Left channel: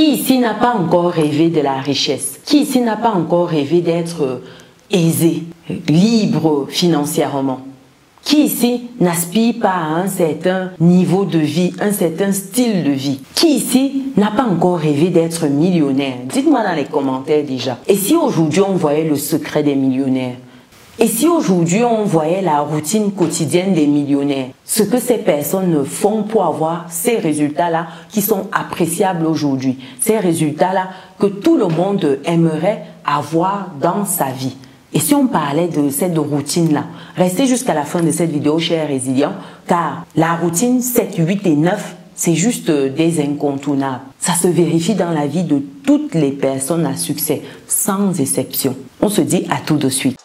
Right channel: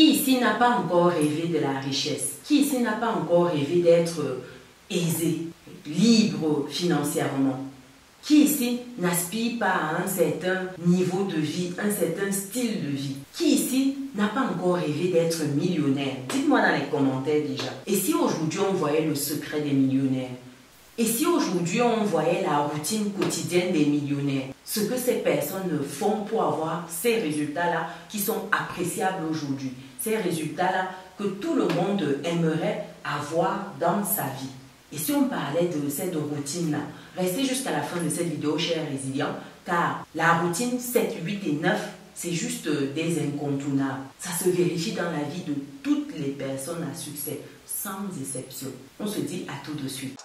Qui ici n'a pas encore rêvé de la richesse? Qui ici n'a pas encore rêvé d'être aisé, libre financièrement? Qui ici n'aspire pas à un certain niveau de vie, un certain style de vie? Qui ici n'a pas encore rêvé d'être millionnaire? Dites-moi dans les commentaires déjà. Et si aujourd'hui on voyait le secret des millionnaires? Et si aujourd'hui on voyait la routine quotidienne des millionnaires? Ce que ces personnes font pour avoir ces résultats-là qui sont appréciables aujourd'hui. Ces résultats-là que tout le monde aimerait avoir dans sa vie. Et si on parlait de cette routine-là, restez jusqu'à la fin de cette vidéo, chers résilients, car la routine 7, 8 et 9, c'est juste des incontournables. Ça se vérifie dans la vie de toutes les personnes à succès, sans exception. On se dit à tout de suite.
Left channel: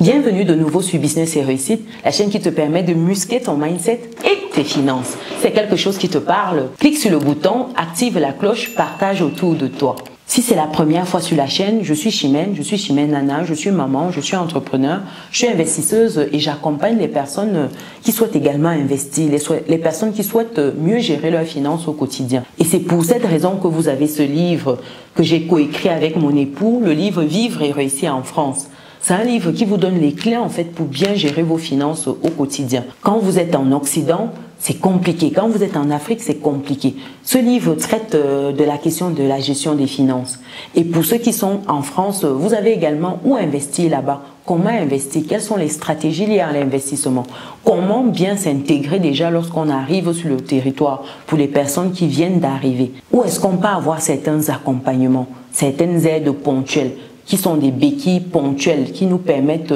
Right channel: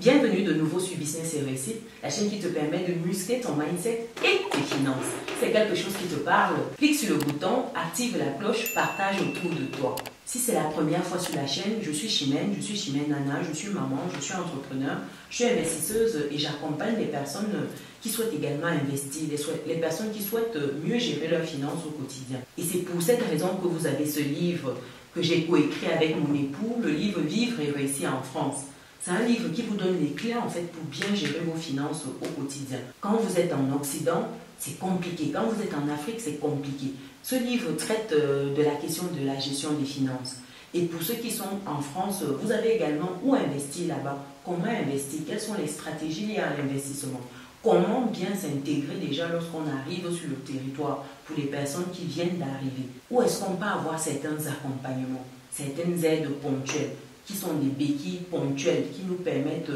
Bienvenue de nouveau sur Business et Réussite, la chaîne qui te permet de muscler ton mindset et tes finances. C'est quelque chose qui te parle? Clique sur le bouton, active la cloche, partage autour de toi. Si c'est la première fois sur la chaîne, je suis Chimène Nana, je suis maman, je suis entrepreneur, je suis investisseuse et j'accompagne les personnes qui souhaitent également investir, les personnes qui souhaitent mieux gérer leurs finances au quotidien. Et c'est pour cette raison que vous avez ce livre que j'ai coécrit avec mon époux, le livre Vivre et réussir en France. C'est un livre qui vous donne les clés en fait pour bien gérer vos finances au quotidien. Quand vous êtes en Occident, c'est compliqué. Quand vous êtes en Afrique, c'est compliqué. Ce livre traite de la question de la gestion des finances. Et pour ceux qui sont en France, vous avez également où investir là-bas. Comment investir? Quelles sont les stratégies liées à l'investissement? Comment bien s'intégrer déjà lorsqu'on arrive sur le territoire pour les personnes qui viennent d'arriver? Où est-ce qu'on peut avoir certains accompagnements, certaines aides ponctuelles qui sont des béquilles ponctuelles qui nous permettent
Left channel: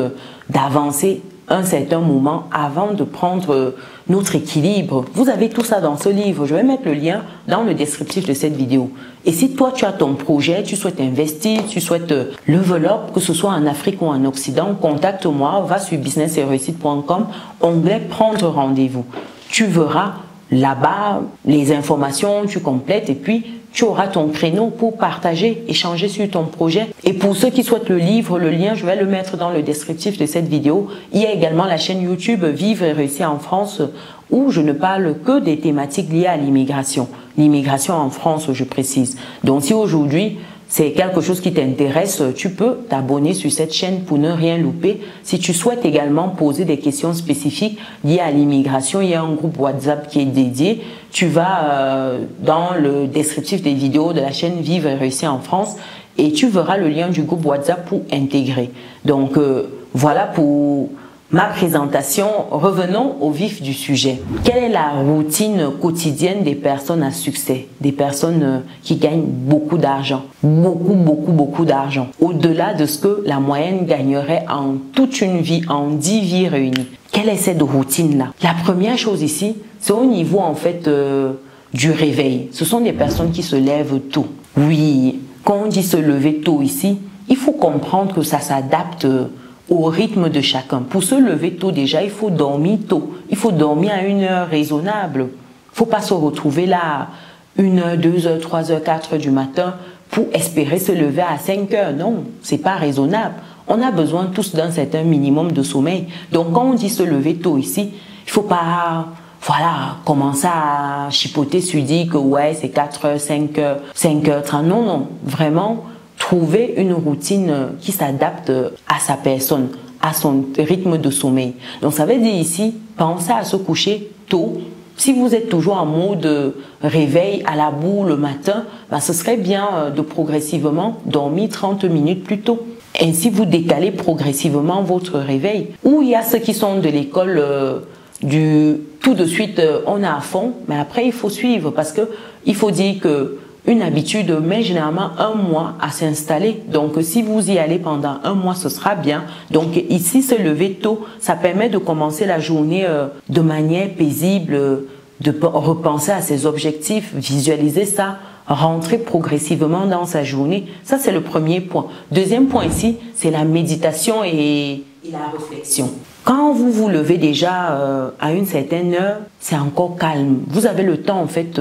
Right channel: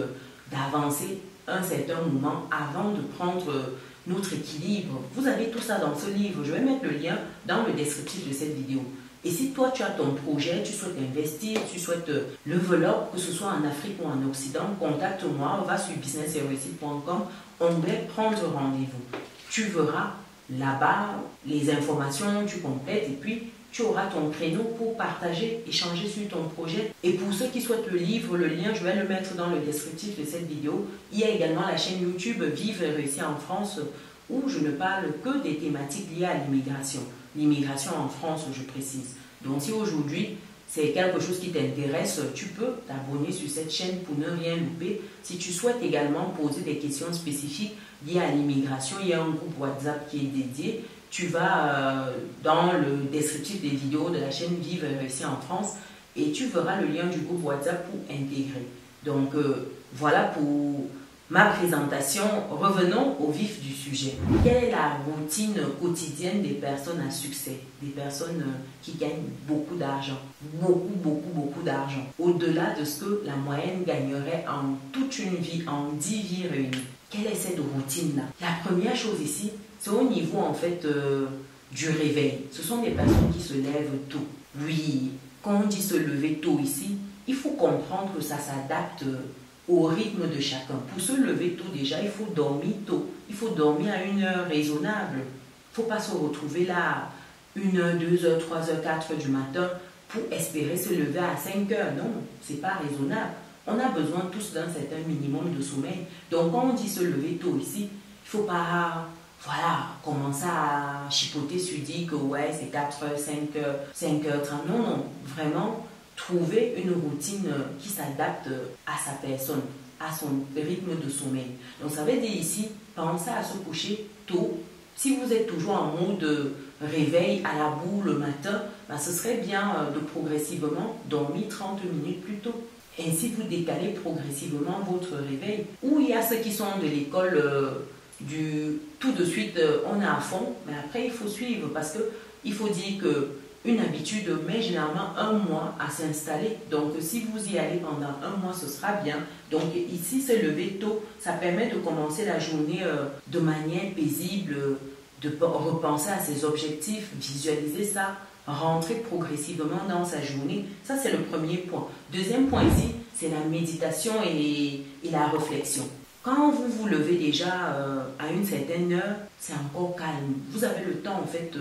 d'avancer un certain moment avant de prendre notre équilibre. Vous avez tout ça dans ce livre. Je vais mettre le lien dans le descriptif de cette vidéo. Et si toi, tu as ton projet, tu souhaites investir, tu souhaites level up, que ce soit en Afrique ou en Occident, contacte-moi, va sur businessetreussit.com, onglet prendre rendez-vous. Tu verras là-bas les informations, tu complètes et puis tu auras ton créneau pour partager, échanger sur ton projet. Et pour ceux qui souhaitent le livre, le lien, je vais le mettre dans le descriptif de cette vidéo. Il y a également la chaîne YouTube Vivre et réussir en France où je ne parle que des thématiques liées à l'immigration. L'immigration en France, je précise. Donc si aujourd'hui, c'est quelque chose qui t'intéresse, tu peux t'abonner sur cette chaîne pour ne rien louper. Si tu souhaites également poser des questions spécifiques liées à l'immigration, il y a un groupe WhatsApp qui est dédié. Tu vas dans le descriptif des vidéos de la chaîne Vivre et réussir en France et tu verras le lien du groupe WhatsApp pour intégrer. Donc voilà pour ma présentation. Revenons au vif du sujet. Quelle est la routine quotidienne des personnes à succès? Des personnes qui gagnent beaucoup d'argent. Beaucoup d'argent. Au-delà de ce que la moyenne gagnerait en toute une vie, en 10 vies réunies. Quelle est cette routine-là? La première chose ici, c'est au niveau en fait du réveil. Ce sont des personnes qui se lèvent tôt. Oui, quand on dit se lever tôt ici, il faut comprendre que ça s'adapte au rythme de chacun. Pour se lever tôt déjà, il faut dormir tôt. Il faut dormir à une heure raisonnable. Il ne faut pas se retrouver là 1h, 2h, 3h, 4h du matin pour espérer se lever à 5h. Non, c'est pas raisonnable. On a besoin tous d'un certain minimum de sommeil. Donc quand on dit se lever tôt ici, il ne faut pas commencer à chipoter sur dire que ouais, c'est 4h, 5h, 5h30. Non, vraiment, trouver une routine qui s'adapte à sa personne, à son rythme de sommeil. Donc ça veut dire ici, pensez à se coucher tôt. Si vous êtes toujours en mode réveil à la bourre le matin, ce serait bien de progressivement dormir 30 minutes plus tôt. Ainsi, vous décalez progressivement votre réveil. Ou il y a ceux qui sont de l'école tout de suite, on est à fond, mais après, il faut suivre parce que il faut dire que une habitude met généralement 1 mois à s'installer. Donc, si vous y allez pendant 1 mois, ce sera bien. Donc, ici, se lever tôt, ça permet de commencer la journée de manière paisible, de repenser à ses objectifs, visualiser ça, rentrer progressivement dans sa journée. Ça, c'est le premier point. Deuxième point ici, c'est la méditation et la réflexion. Quand vous vous levez déjà à une certaine heure, c'est encore calme. Vous avez le temps en fait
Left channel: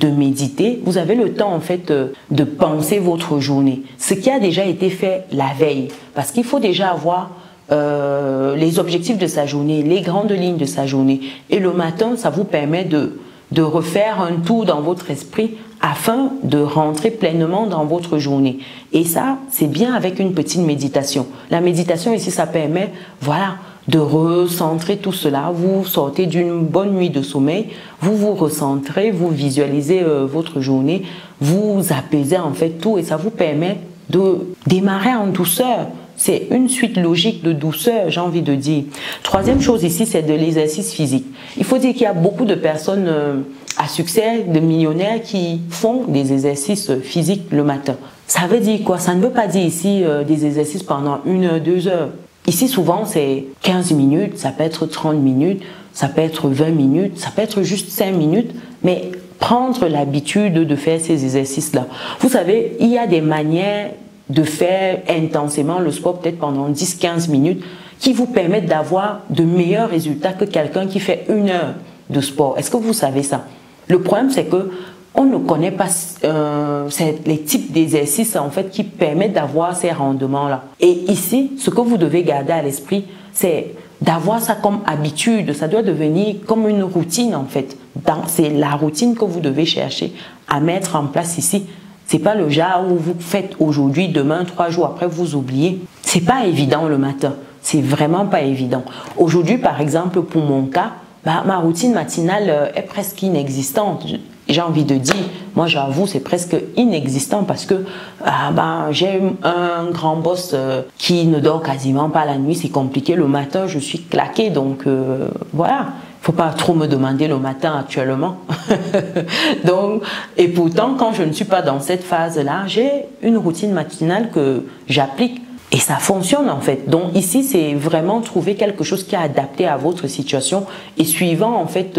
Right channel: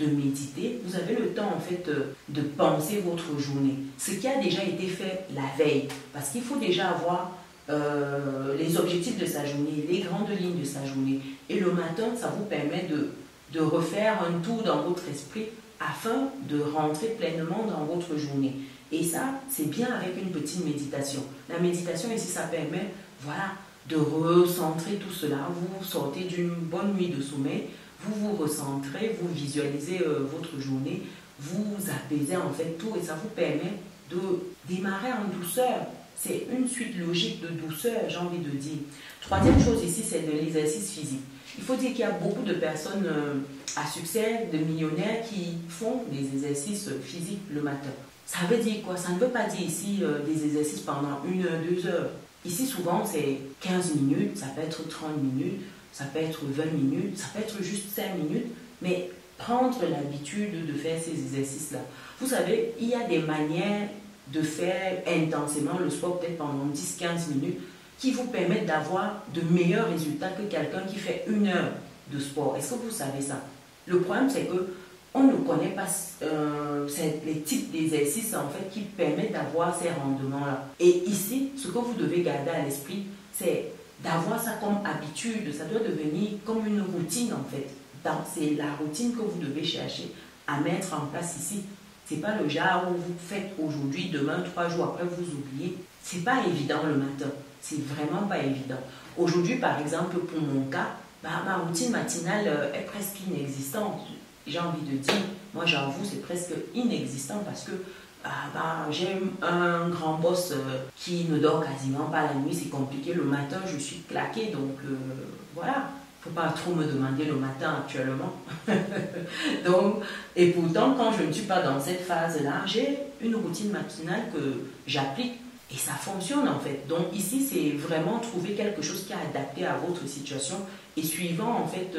de méditer, vous avez le temps en fait de penser votre journée, ce qui a déjà été fait la veille, parce qu'il faut déjà avoir les objectifs de sa journée, les grandes lignes de sa journée, et le matin, ça vous permet de refaire un tour dans votre esprit afin de rentrer pleinement dans votre journée. Et ça, c'est bien avec une petite méditation. La méditation ici, ça permet, voilà, de recentrer tout cela. Vous sortez d'une bonne nuit de sommeil, vous vous recentrez, vous visualisez votre journée, vous apaisez en fait tout et ça vous permet de démarrer en douceur. C'est une suite logique de douceur, j'ai envie de dire. Troisième chose ici, c'est de l'exercice physique. Il faut dire qu'il y a beaucoup de personnes à succès, de millionnaires qui font des exercices physiques le matin. Ça veut dire quoi? Ça ne veut pas dire ici des exercices pendant 1 heure, 2 heures. Ici, souvent, c'est 15 minutes, ça peut être 30 minutes, ça peut être 20 minutes, ça peut être juste 5 minutes, mais prendre l'habitude de faire ces exercices-là. Vous savez, il y a des manières de faire intensément le sport, peut-être pendant 10-15 minutes, qui vous permettent d'avoir de meilleurs résultats que quelqu'un qui fait 1 heure de sport. Est-ce que vous savez ça? Le problème, c'est que on ne connaît pas les types d'exercices en fait qui permettent d'avoir ces rendements-là. Et ici, ce que vous devez garder à l'esprit, c'est d'avoir ça comme habitude. Ça doit devenir comme une routine en fait. C'est la routine que vous devez chercher à mettre en place ici. C'est pas le genre où vous faites aujourd'hui, demain, 3 jours après, vous oubliez. C'est pas évident le matin. C'est vraiment pas évident. Aujourd'hui, par exemple, pour mon cas, ma routine matinale est presque inexistante. J'ai envie de dire, moi j'avoue, c'est presque inexistant parce que j'ai un grand boss qui ne dort quasiment pas la nuit, c'est compliqué. Le matin, je suis claquée, donc voilà. Il ne faut pas trop me demander le matin actuellement. Donc, et pourtant, quand je ne suis pas dans cette phase-là, j'ai une routine matinale que j'applique. Et ça fonctionne en fait. Donc ici, c'est vraiment trouver quelque chose qui est adapté à votre situation et suivant en fait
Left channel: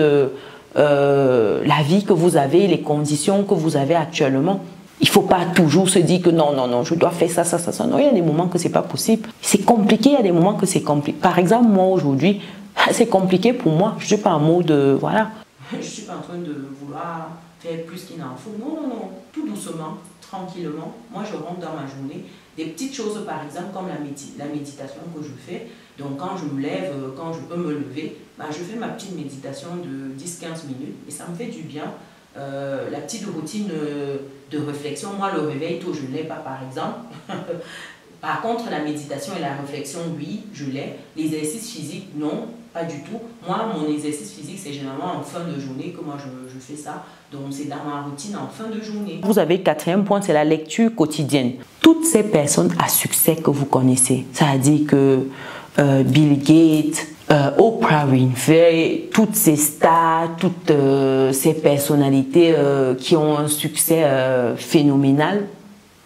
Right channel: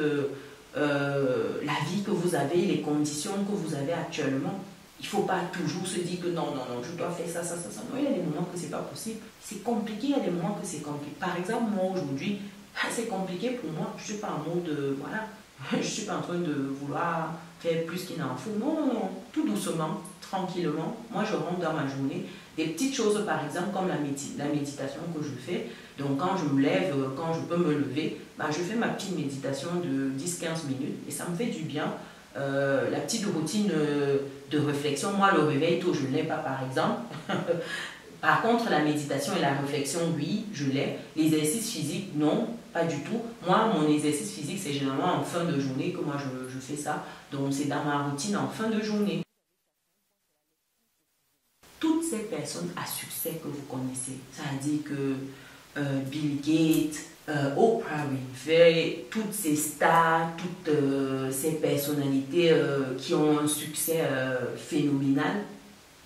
la vie que vous avez, les conditions que vous avez actuellement. Il ne faut pas toujours se dire que non, non, non, je dois faire ça, ça, ça, ça. Non, il y a des moments que ce n'est pas possible. C'est compliqué, il y a des moments que c'est compliqué. Par exemple, moi aujourd'hui, c'est compliqué pour moi. Je ne suis pas en mode, voilà. Je ne suis pas en train de vouloir faire plus qu'il n'en faut. Non, non, non. Tout doucement, tranquillement. Moi, je rentre dans ma journée. Des petites choses, par exemple, comme la méditation que je fais. Donc, quand je me lève, quand je peux me lever, je fais ma petite méditation de 10-15 minutes et ça me fait du bien. La petite routine de réflexion, moi, le réveil tôt, je ne l'ai pas, par exemple. Par contre, la méditation et la réflexion, oui, je l'ai. L'exercice physique, non, pas du tout. Moi, mon exercice physique, c'est généralement en fin de journée que moi, je fais ça. Donc, c'est dans ma routine en fin de journée. Vous avez le 4e point, c'est la lecture quotidienne. Toutes ces personnes à succès que vous connaissez, ça a dit que Bill Gates, Oprah Winfrey, toutes ces stars, toutes ces personnalités qui ont un succès phénoménal,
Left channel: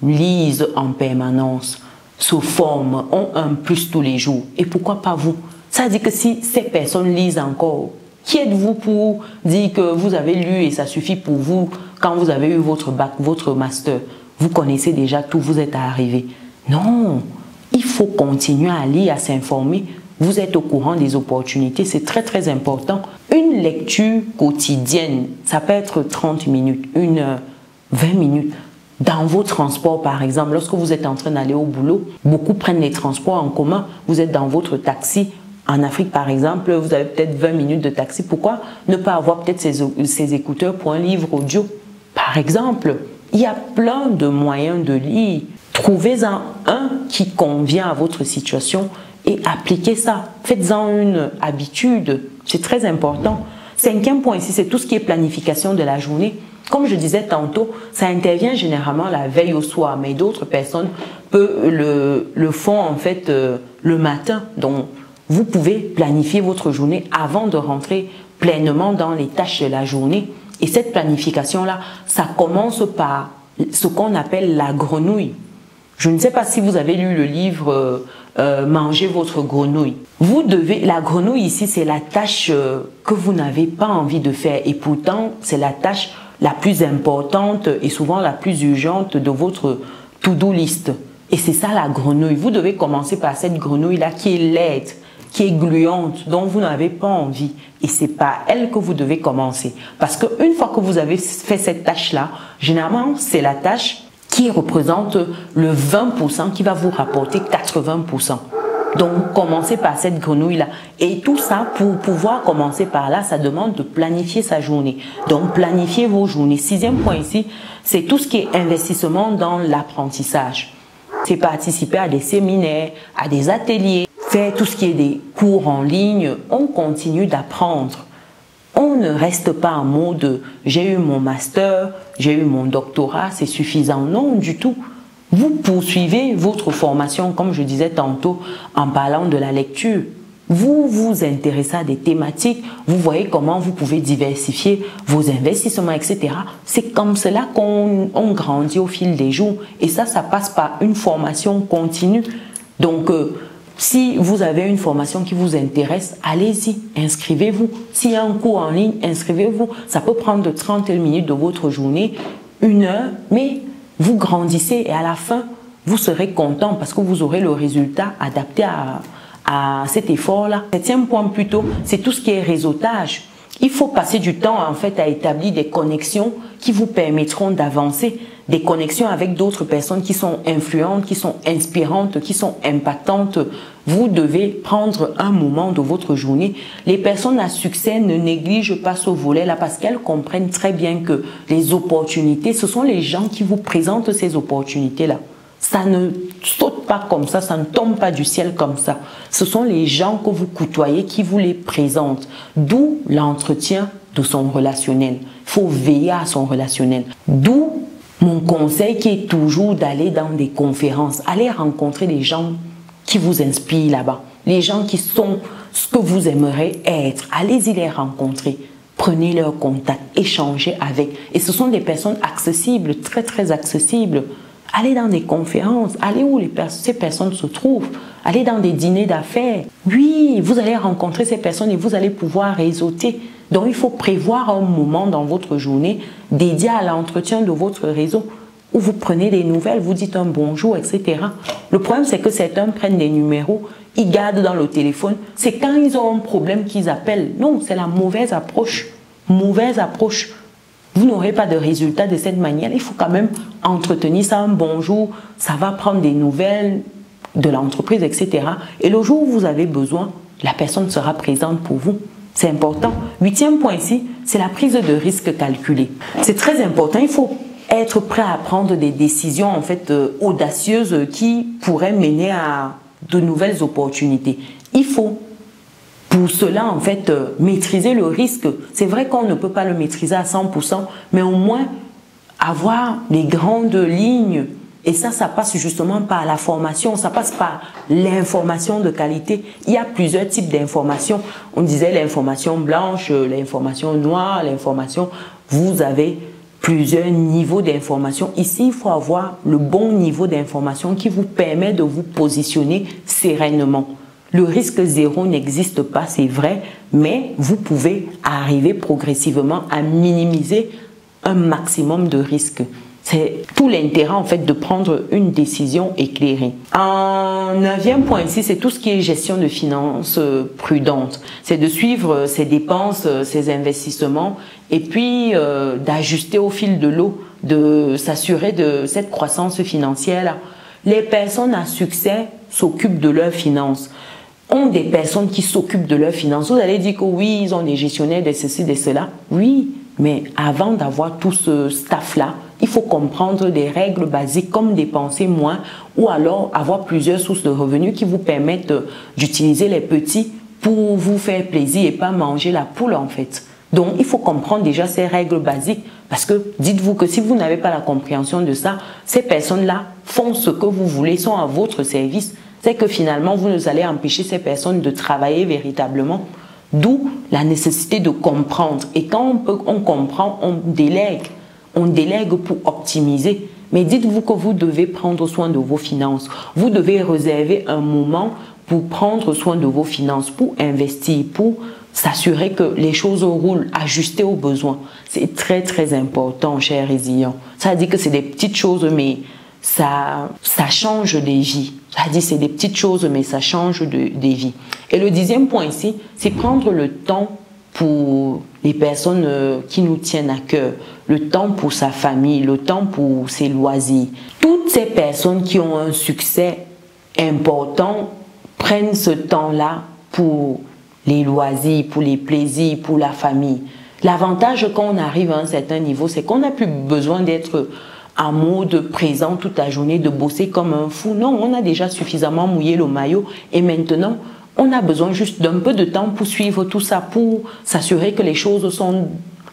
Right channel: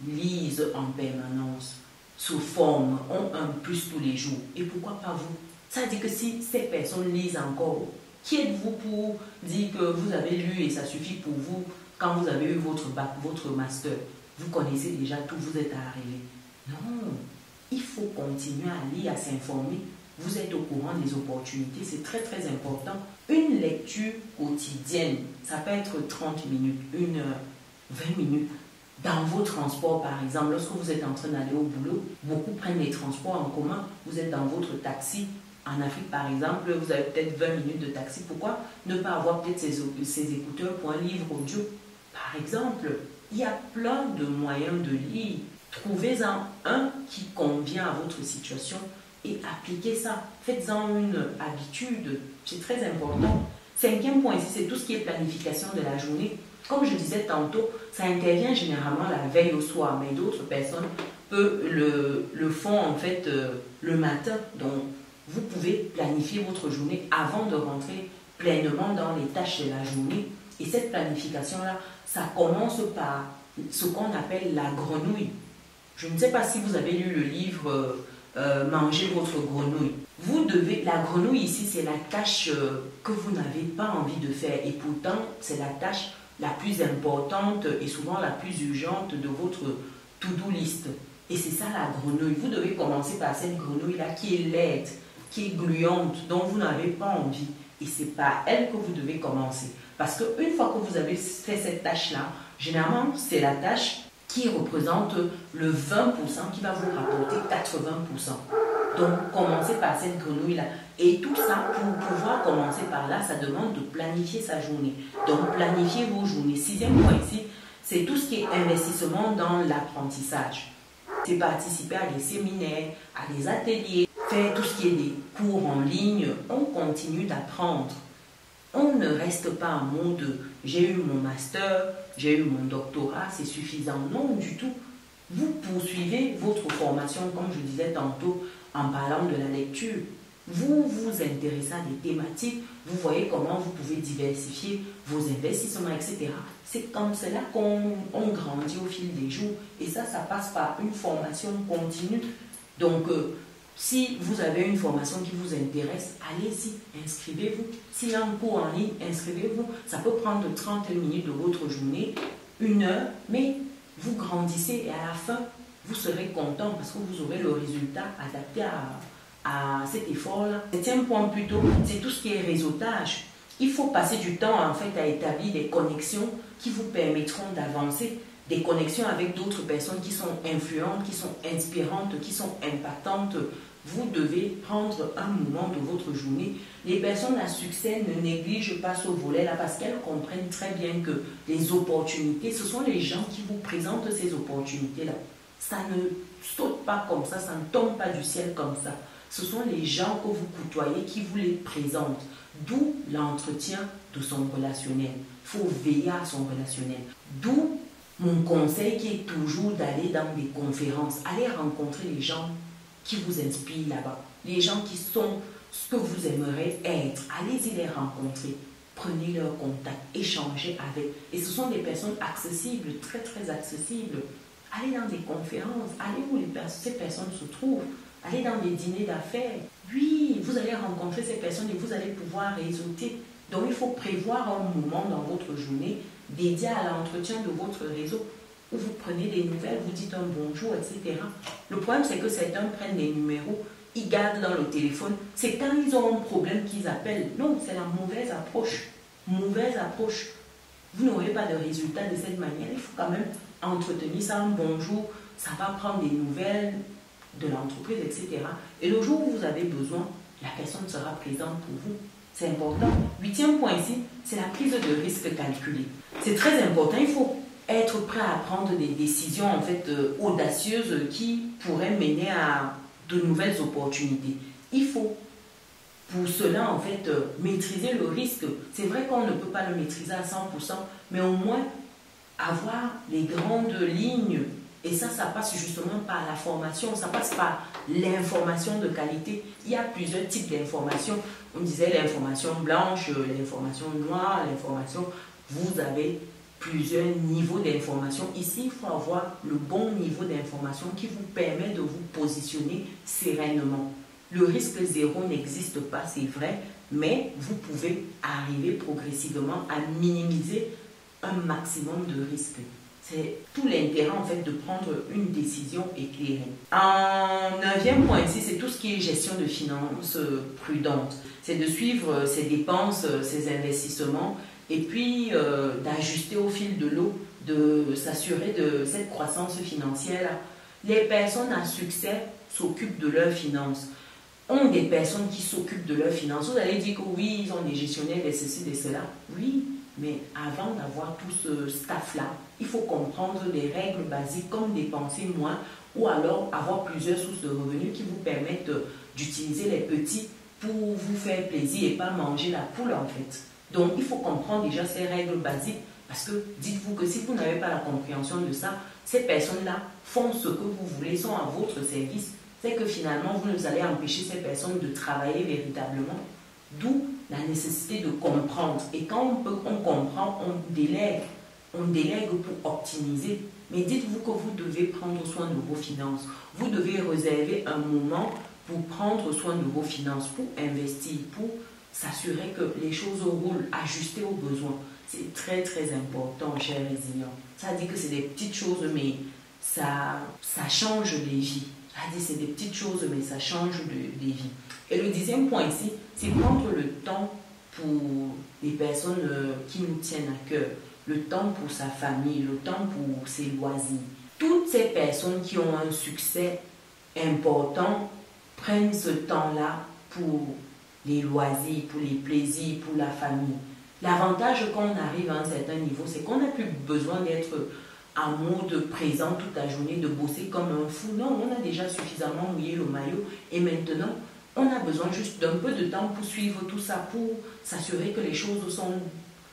lisent en permanence, se forment, ont un plus tous les jours. Et pourquoi pas vous? Ça dit que si ces personnes lisent encore, qui êtes-vous pour dire que vous avez lu et ça suffit pour vous quand vous avez eu votre bac, votre master? Vous connaissez déjà tout, vous êtes arrivé. Non, il faut continuer à lire, à s'informer. Vous êtes au courant des opportunités, c'est très très important. Une lecture quotidienne, ça peut être 30 minutes, 1 heure, 20 minutes. Dans vos transports, par exemple, lorsque vous êtes en train d'aller au boulot, beaucoup prennent les transports en commun. Vous êtes dans votre taxi. En Afrique, par exemple, vous avez peut-être 20 minutes de taxi. Pourquoi ne pas avoir peut-être ces écouteurs pour un livre audio? Par exemple, il y a plein de moyens de lire. Trouvez-en un qui convient à votre situation et appliquez ça. Faites-en une habitude. C'est très important. 5e point ici, c'est tout ce qui est planification de la journée. Comme je disais tantôt, ça intervient généralement la veille au soir, mais d'autres personnes le font en fait le matin. Donc, vous pouvez planifier votre journée avant de rentrer pleinement dans les tâches de la journée. Et cette planification-là, ça commence par ce qu'on appelle la grenouille. Je ne sais pas si vous avez lu le livre Mangez votre grenouille. La grenouille ici, c'est la tâche que vous n'avez pas envie de faire. Et pourtant, c'est la tâche la plus importante et souvent la plus urgente de votre to-do list. Et c'est ça la grenouille. Vous devez commencer par cette grenouille-là qui est laide. qui est gluante, dont vous n'avez pas envie. Et c'est par elle que vous devez commencer. Parce qu'une fois que vous avez fait cette tâche-là, généralement, c'est la tâche qui représente le 20% qui va vous rapporter 80%. Donc, commencez par cette grenouille-là. Et tout ça, pour pouvoir commencer par là, ça demande de planifier sa journée. Donc, planifiez vos journées. Sixième point ici, c'est tout ce qui est investissement dans l'apprentissage. C'est participer à des séminaires, à des ateliers, faire tout ce qui est des cours en ligne. On continue d'apprendre. On ne reste pas en mode « j'ai eu mon master, j'ai eu mon doctorat, c'est suffisant ». Non, du tout. Vous poursuivez votre formation, comme je disais tantôt, en parlant de la lecture. Vous vous intéressez à des thématiques, vous voyez comment vous pouvez diversifier vos investissements, etc. C'est comme cela qu'on grandit au fil des jours. Et ça passe par une formation continue. Donc, si vous avez une formation qui vous intéresse, allez-y, inscrivez-vous. S'il y a un cours en ligne, inscrivez-vous. Ça peut prendre 30 minutes de votre journée, 1 heure, mais vous grandissez et à la fin, vous serez content parce que vous aurez le résultat adapté à cet effort-là. Septième point plutôt, c'est tout ce qui est réseautage. Il faut passer du temps en fait à établir des connexions qui vous permettront d'avancer, des connexions avec d'autres personnes qui sont influentes, qui sont inspirantes, qui sont impactantes. Vous devez prendre un moment de votre journée. Les personnes à succès ne négligent pas ce volet-là parce qu'elles comprennent très bien que les opportunités, ce sont les gens qui vous présentent ces opportunités-là. Ça ne saute pas comme ça ne tombe pas du ciel comme ça. Ce sont les gens que vous côtoyez qui vous les présentent. D'où l'entretien de son relationnel. Il faut veiller à son relationnel. D'où mon conseil qui est toujours d'aller dans des conférences, aller rencontrer des gens qui vous inspirent là-bas, les gens qui sont ce que vous aimeriez être. Allez-y les rencontrer, prenez leur contact, échangez avec. Et ce sont des personnes accessibles, très très accessibles. Allez dans des conférences, allez où ces personnes se trouvent, allez dans des dîners d'affaires. Oui, vous allez rencontrer ces personnes et vous allez pouvoir réseauter. Donc, il faut prévoir un moment dans votre journée dédié à l'entretien de votre réseau où vous prenez des nouvelles, vous dites un bonjour, etc. Le problème, c'est que certains prennent des numéros, ils gardent dans le téléphone. C'est quand ils ont un problème qu'ils appellent. Non, c'est la mauvaise approche. Mauvaise approche. Vous n'aurez pas de résultat de cette manière. Il faut quand même entretenir ça, un bonjour. Ça va prendre des nouvelles de l'entreprise, etc. Et le jour où vous avez besoin, la personne sera présente pour vous. C'est important. Huitième point ici, c'est la prise de risque calculée. C'est très important. Il faut être prêt à prendre des décisions en fait audacieuses qui pourraient mener à de nouvelles opportunités. Il faut pour cela en fait maîtriser le risque. C'est vrai qu'on ne peut pas le maîtriser à 100%, mais au moins avoir les grandes lignes. Et ça passe justement par la formation, ça passe par l'information de qualité. Il y a plusieurs types d'informations. On disait l'information blanche, l'information noire, l'information. Vous avez plusieurs niveaux d'information. Ici, il faut avoir le bon niveau d'information qui vous permet de vous positionner sereinement. Le risque zéro n'existe pas, c'est vrai, mais vous pouvez arriver progressivement à minimiser un maximum de risques. C'est tout l'intérêt en fait de prendre une décision éclairée. Un neuvième point ici, c'est tout ce qui est gestion de finances prudente. C'est de suivre ses dépenses, ses investissements et puis d'ajuster au fil de l'eau, de s'assurer de cette croissance financière-là. Les personnes à succès s'occupent de leurs finances. Ont des personnes qui s'occupent de leurs finances. Vous allez dire que oui, ils ont des gestionnaires de ceci, de cela. Oui, mais avant d'avoir tout ce staff-là, il faut comprendre des règles basiques comme dépenser moins ou alors avoir plusieurs sources de revenus qui vous permettent d'utiliser les petits pour vous faire plaisir et pas manger la poule en fait. Donc, il faut comprendre déjà ces règles basiques parce que dites-vous que si vous n'avez pas la compréhension de ça, ces personnes-là font ce que vous voulez, sont à votre service. C'est que finalement, vous allez empêcher ces personnes de travailler véritablement. D'où la nécessité de comprendre. Et quand on comprend, on délègue. On délègue pour optimiser. Mais dites-vous que vous devez prendre soin de vos finances. Vous devez réserver un moment pour prendre soin de vos finances, pour investir, pour s'assurer que les choses roulent, ajuster aux besoins. C'est très très important, chers résilients. Ça veut dire que c'est des petites choses, mais ça change des vies. C'est-à-dire, c'est des petites choses, mais ça change des vies. Et le 10e point ici, c'est prendre le temps pour les personnes qui nous tiennent à cœur, le temps pour sa famille, le temps pour ses loisirs. Toutes ces personnes qui ont un succès important prennent ce temps-là pour les loisirs, pour les plaisirs, pour la famille. L'avantage quand on arrive à un certain niveau, c'est qu'on n'a plus besoin d'être en mode présent toute la journée, de bosser comme un fou. Non, on a déjà suffisamment mouillé le maillot et maintenant, on a besoin juste d'un peu de temps pour suivre tout ça, pour s'assurer que les choses sont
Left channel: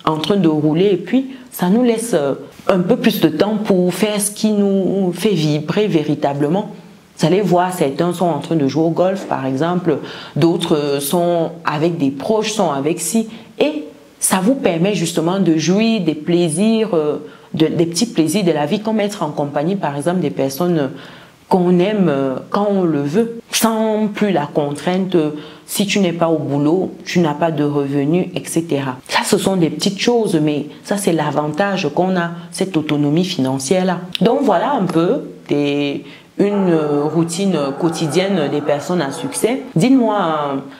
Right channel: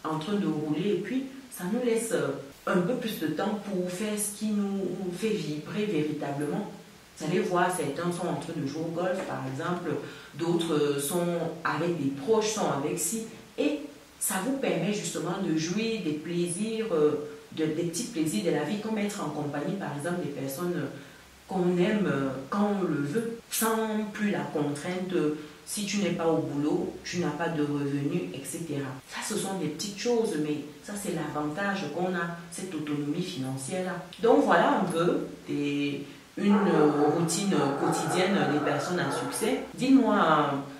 en train de rouler et puis ça nous laisse un peu plus de temps pour faire ce qui nous fait vibrer véritablement. Vous allez voir, certains sont en train de jouer au golf par exemple, d'autres sont avec des proches, sont avec ci et ça vous permet justement de jouir des plaisirs, des petits plaisirs de la vie, comme être en compagnie par exemple des personnes qu'on aime quand on le veut, sans plus la contrainte, si tu n'es pas au boulot, tu n'as pas de revenus, etc. Ça, ce sont des petites choses, mais ça, c'est l'avantage qu'on a, cette autonomie financière-là. Donc, voilà un peu une routine quotidienne des personnes à succès. Dites-moi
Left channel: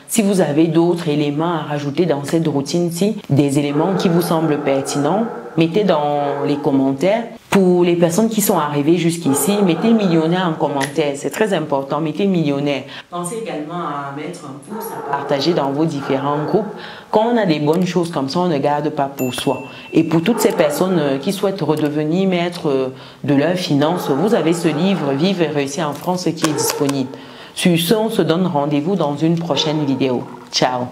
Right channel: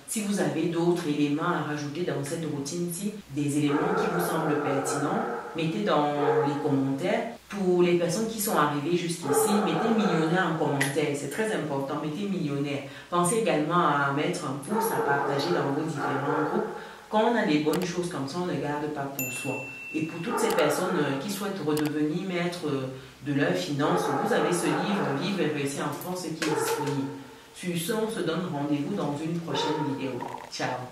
si vous avez d'autres éléments à rajouter dans cette routine-ci, des éléments qui vous semblent pertinents. Mettez dans les commentaires. Pour les personnes qui sont arrivées jusqu'ici, mettez millionnaire en commentaire. C'est très important, mettez millionnaire. Pensez également à mettre un pouce, à partager dans vos différents groupes. Quand on a des bonnes choses comme ça, on ne garde pas pour soi. Et pour toutes ces personnes qui souhaitent redevenir maîtres de leurs finances, vous avez ce livre « Vivre et réussir en France » qui est disponible. Sur ce, on se donne rendez-vous dans une prochaine vidéo. Ciao!